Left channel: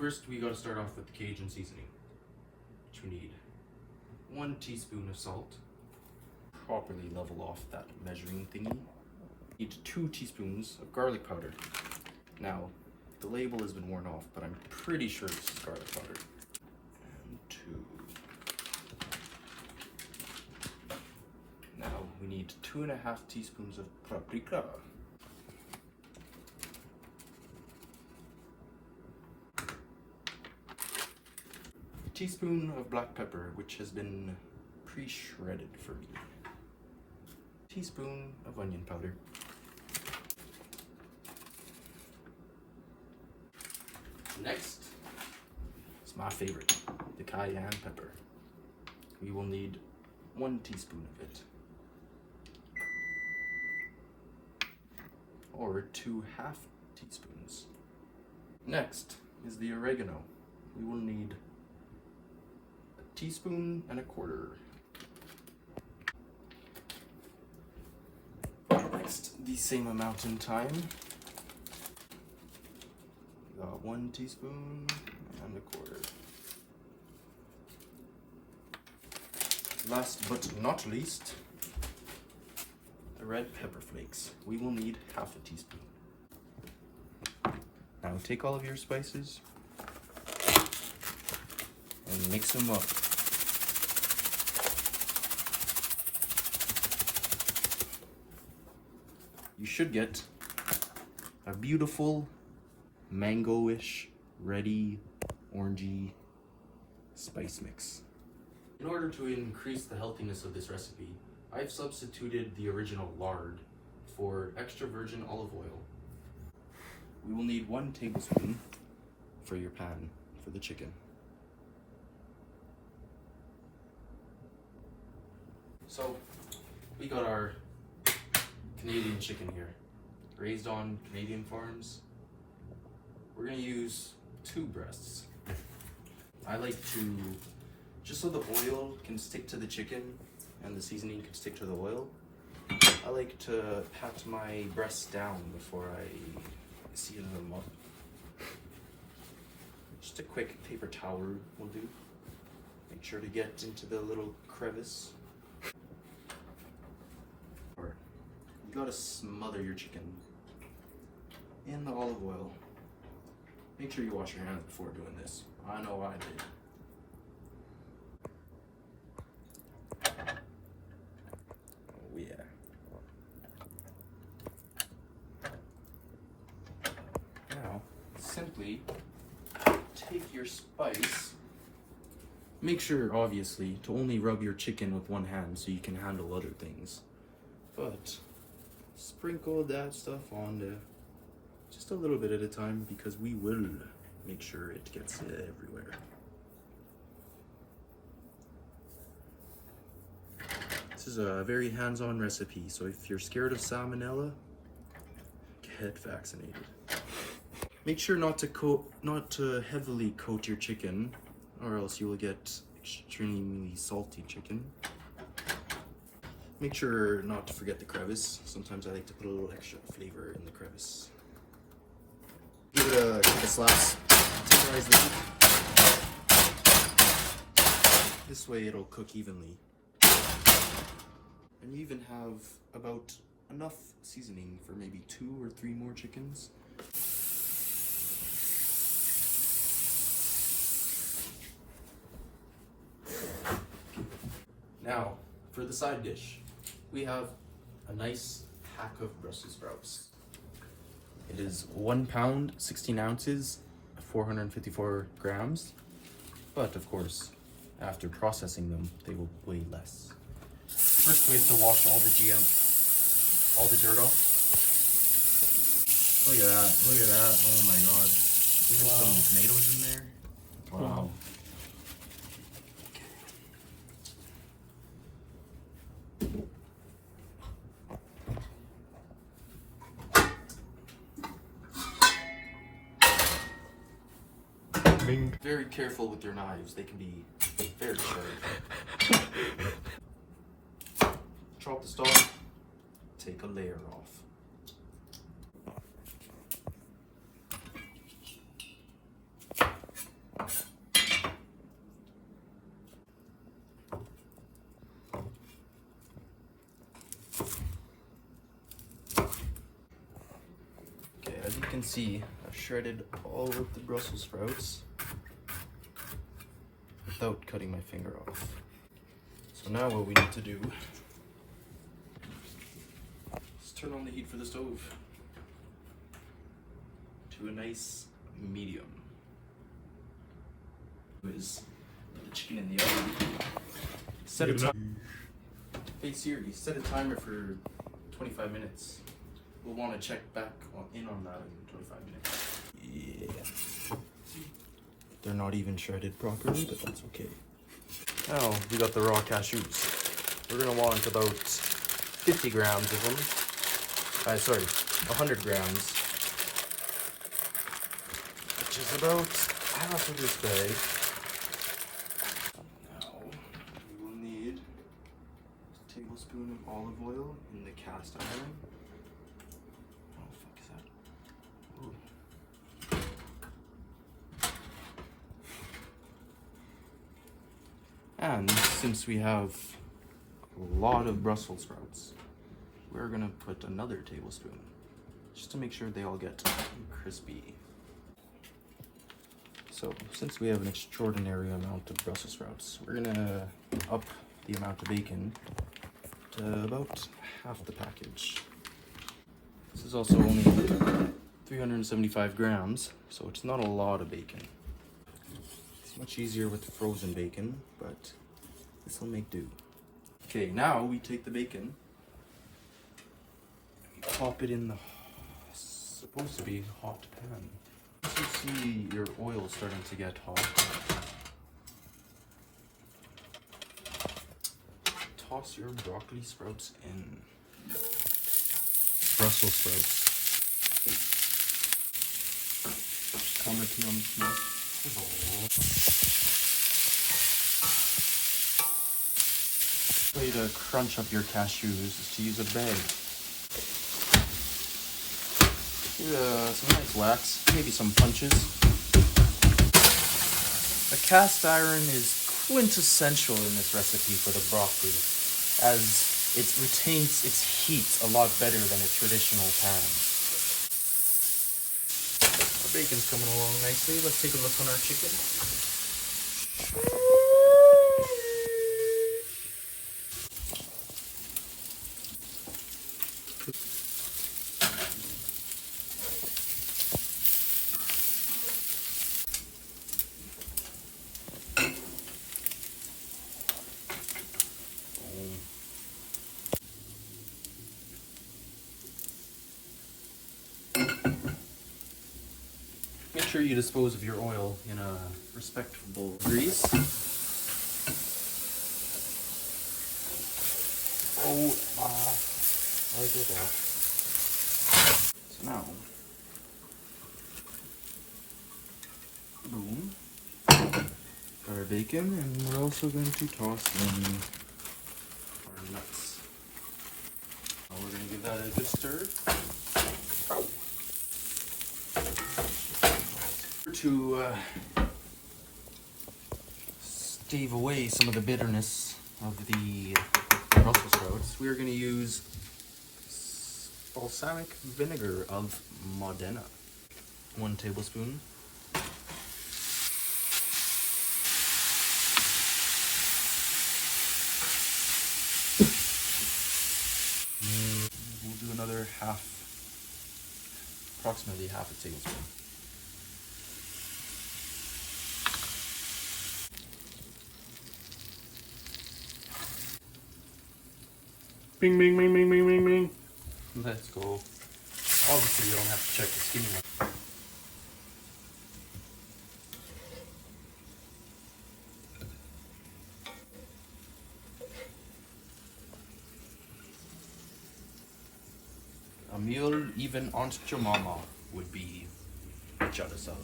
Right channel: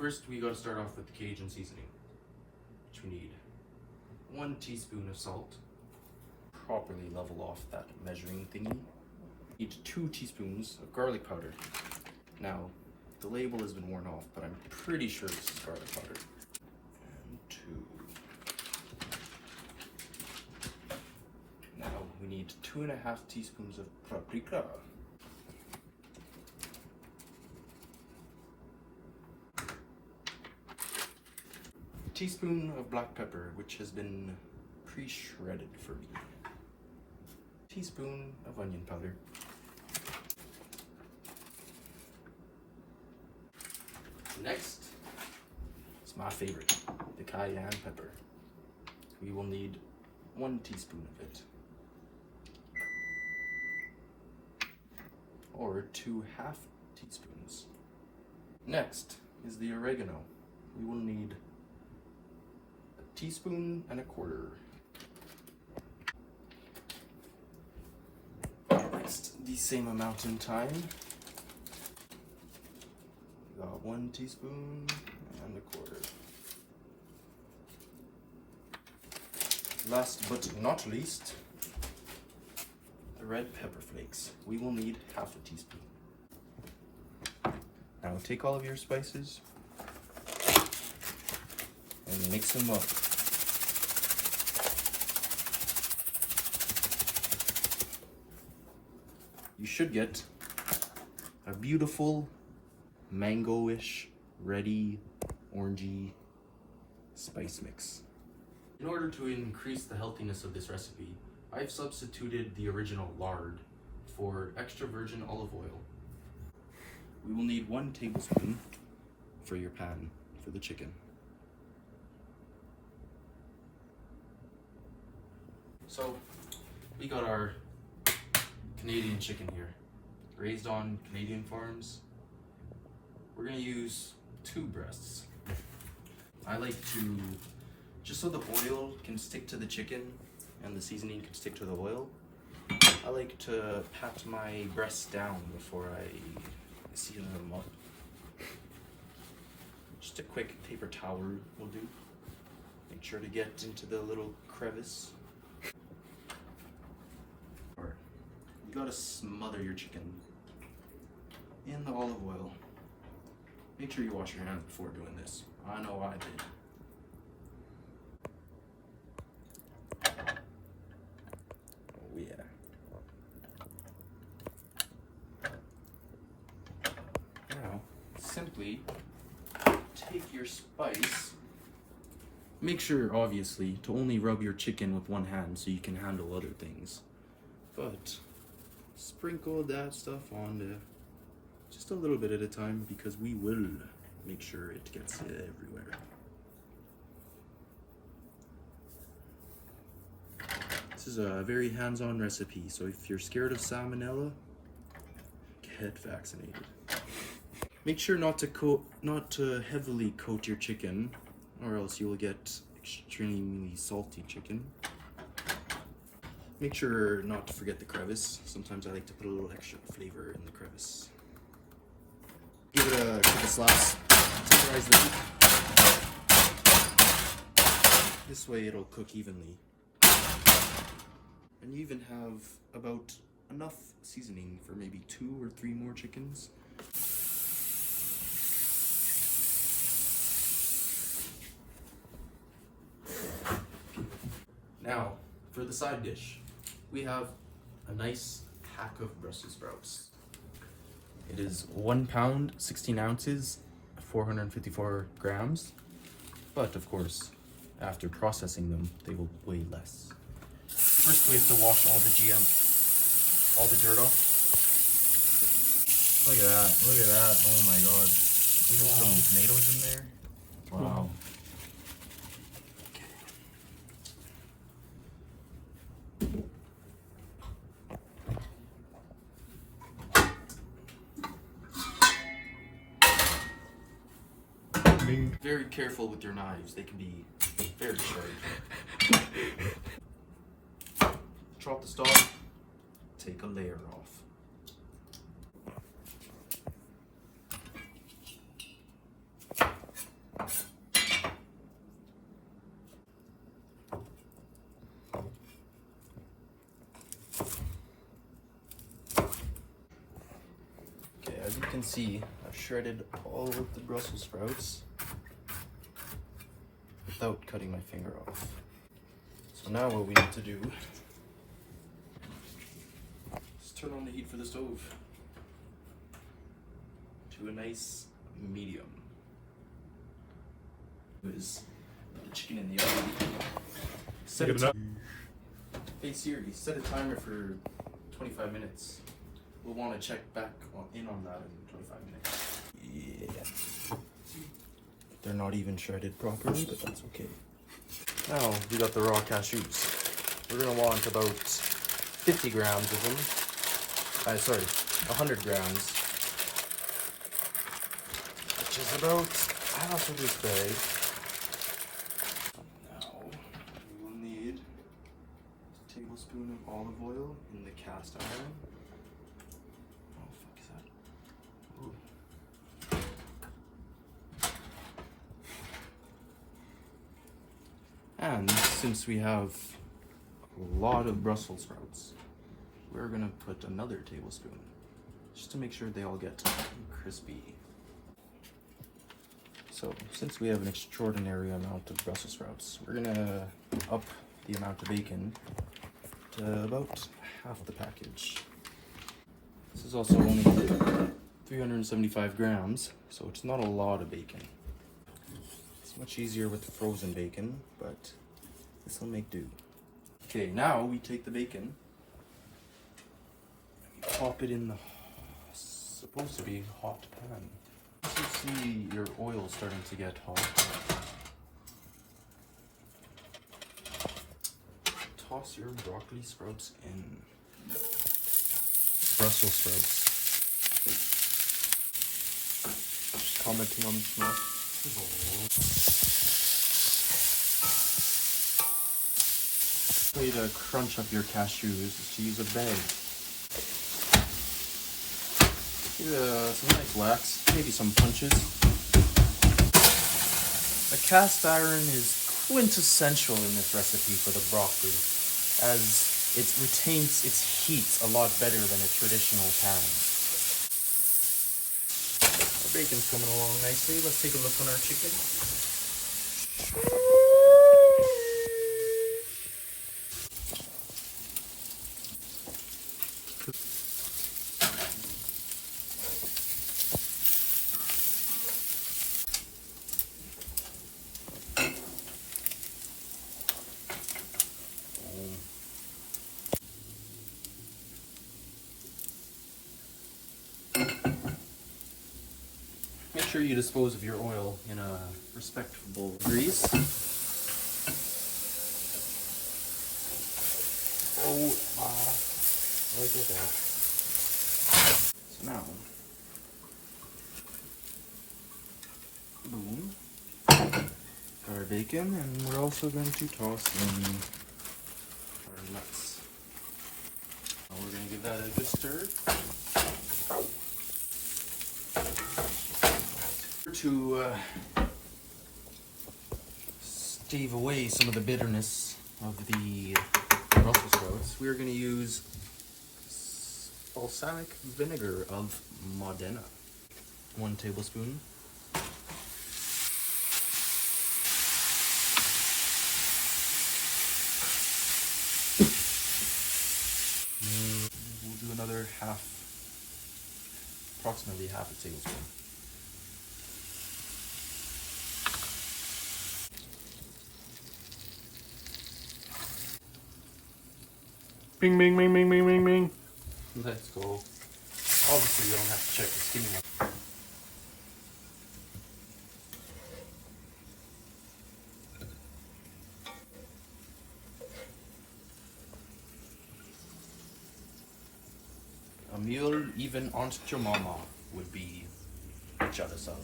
First, we gotta start off with the Cajun seasoning, which we need 1 teaspoon of salt. Properly level off that measuring thingy. Need 2 teaspoons of garlic powder. Now, the label has been worn off, but I'm pretty sure this is garlic powder. And 2. Now, we need 2.5 teaspoons of paprika. A teaspoon of black pepper, which has been pre-shredded for me. A teaspoon of onion powder. Next is my favorite, the cayenne pepper. We will need 1 teaspoon of it. Or 2 half teaspoons. Next is the oregano. We will need 1.25 teaspoons. Next, the same amount in time. Got 1 teaspoon and 1/4. Last but not least, the red pepper flakes. We will need 1/2 teaspoon. Now take all of your spices and mix them up. You should get a beautiful mango-ish, ready, orangey spice mix. In order to increase the healthiness of this recipe, I've substituted the original lard for extra virgin olive oil. We will need 1 tablespoon for your pan for the chicken. So, we got our Canadian chicken here, raised on Canadian farms. We're gonna use 2 breasts. I like to, just so the oil can stick to the chicken and the seasoning can stick to the oil, I like to pat my breasts down before I season them up. Just a quick paper towel will do. Make sure to get into the little crevice. You gotta smother your chicken in the olive oil. Make sure you wash your hands before doing this. I know I did. Oh yeah. Now, simply take your spice. Make sure, obviously, to only rub your chicken with 1 hand so you can handle other things. But sprinkle that stuff on just a little bit at a time, because we will make sure it gets everywhere. This is a very hands-on recipe, so if you're scared of salmonella, get vaccinated. Make sure not to heavily coat your chicken, or else you will get extremely salty chicken. Make sure not to forget the crevice. Sometimes I like to put a little extra flavor in the crevice. Give it a slice. This way it'll cook evenly. And you even have about enough seasoning for maybe 2 or 3 more chickens. Now, for the side dish, we have a nice pack of Brussels sprouts. It is 1 pound, 16 ounces, 454 grams. But of course, after processing them, they will weigh less. First, we have to wash all the dirt off. Look at that, look at that, oh my god. There's some tomatoes in there. Wow. Very careful with your knives, they can be very sharp. Chop the stalk, take a layer off. can see, I've shredded all of the Brussels sprouts without cutting my finger off. So now what we need to do is turn on the heat for the stove to a nice medium. Is the chicken in the oven. Hey Siri, set a timer for 25 minutes. We'll want to check back in on that in 25 minutes. Yeah. They're not even shredded properly, but that's okay. Now we got the raw cashews. We're gonna want about 50 grams of them. 100 grams. Which is about half of this bag. Now we will need a tablespoon of olive oil in the cast iron. And since we have a lot of Brussels sprouts, we're gonna put another tablespoon just to make sure they all get crispy. So since we have an extraordinary amount of Brussels sprouts, we're gonna up the amount of bacon to about half the package. This is also only 375 grams, so it's not a lot of bacon. It's much easier with frozen bacon, but this will make do. Okay, now we take the bacon, pop it in the supposed to be hot pan. You see your oil starting to get hot. Toss your broccoli sprouts in. Brussels sprouts. Just commenting on the smell. The way to crunch up your cashews is to use a bag. Some nice wax, maybe some punches. The cast iron is quintessential in this recipe for the broccoli, as it retains its heat a lot better than a traditional pan. The bacon's coming along nicely. Let's take a look on our chicken. Make sure you dispose of your oil in a respectable grease. Right there. So now, boom, got our bacon, and we're also going to toss in our nuts. And we're going to give that a good stir. To stave away some of the bitterness of the Brussels sprouts, we're going to use balsamic vinegar of Modena. 1 tablespoon. We'll do another approximately half a tablespoon. Bing, bing, bing, bing, bing, bing, bing. Let's go. Obviously, you don't have to check the steam. A meal even Aunt Jemima would be jealous of.